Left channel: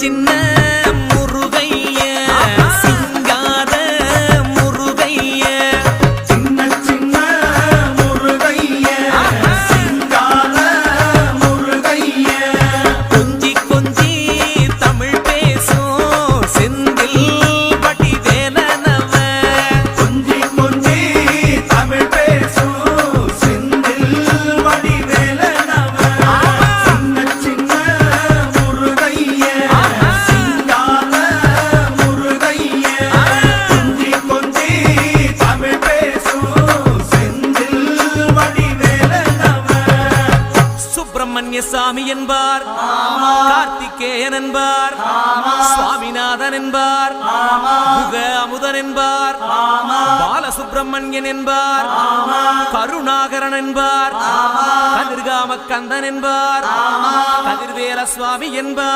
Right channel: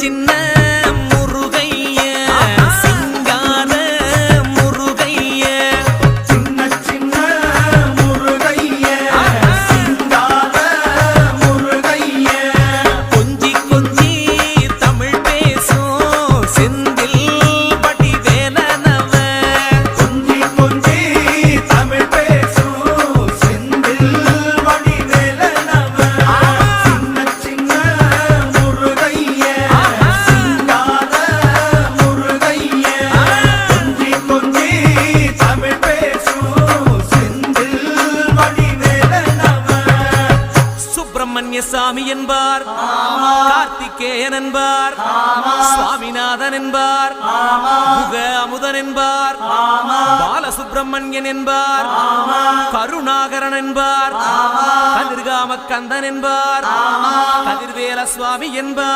சின்ன முருகைய சிங்கார முருகைய சின்ன சின்ன முருகைய சிங்கார முருகைய கொஞ்சி கொஞ்சி தமிழ் பேசும் செந்தில் வடிவேலனவ கொஞ்சி கொஞ்சி தமிழ் பேசும் செந்தில் வடிவேலனவ சின்ன சின்ன முருகைய சிங்கார முருகைய கொஞ்சி கொஞ்சி தமிழ் பேசும் செந்தில் வடிவேலனவ சுப்பிரமணிய சாமி என்பார், கார்த்திகேயன் என்பார், சுவாமிநாதன் என்பார், முக அமுதன் என்பார், பாலசுப்பிரமணியன் என்பார், கருணாகரன் என்பார், கதிர்காம கந்தன் என்பார், கதிர்வேல சுவாமி என்பார்.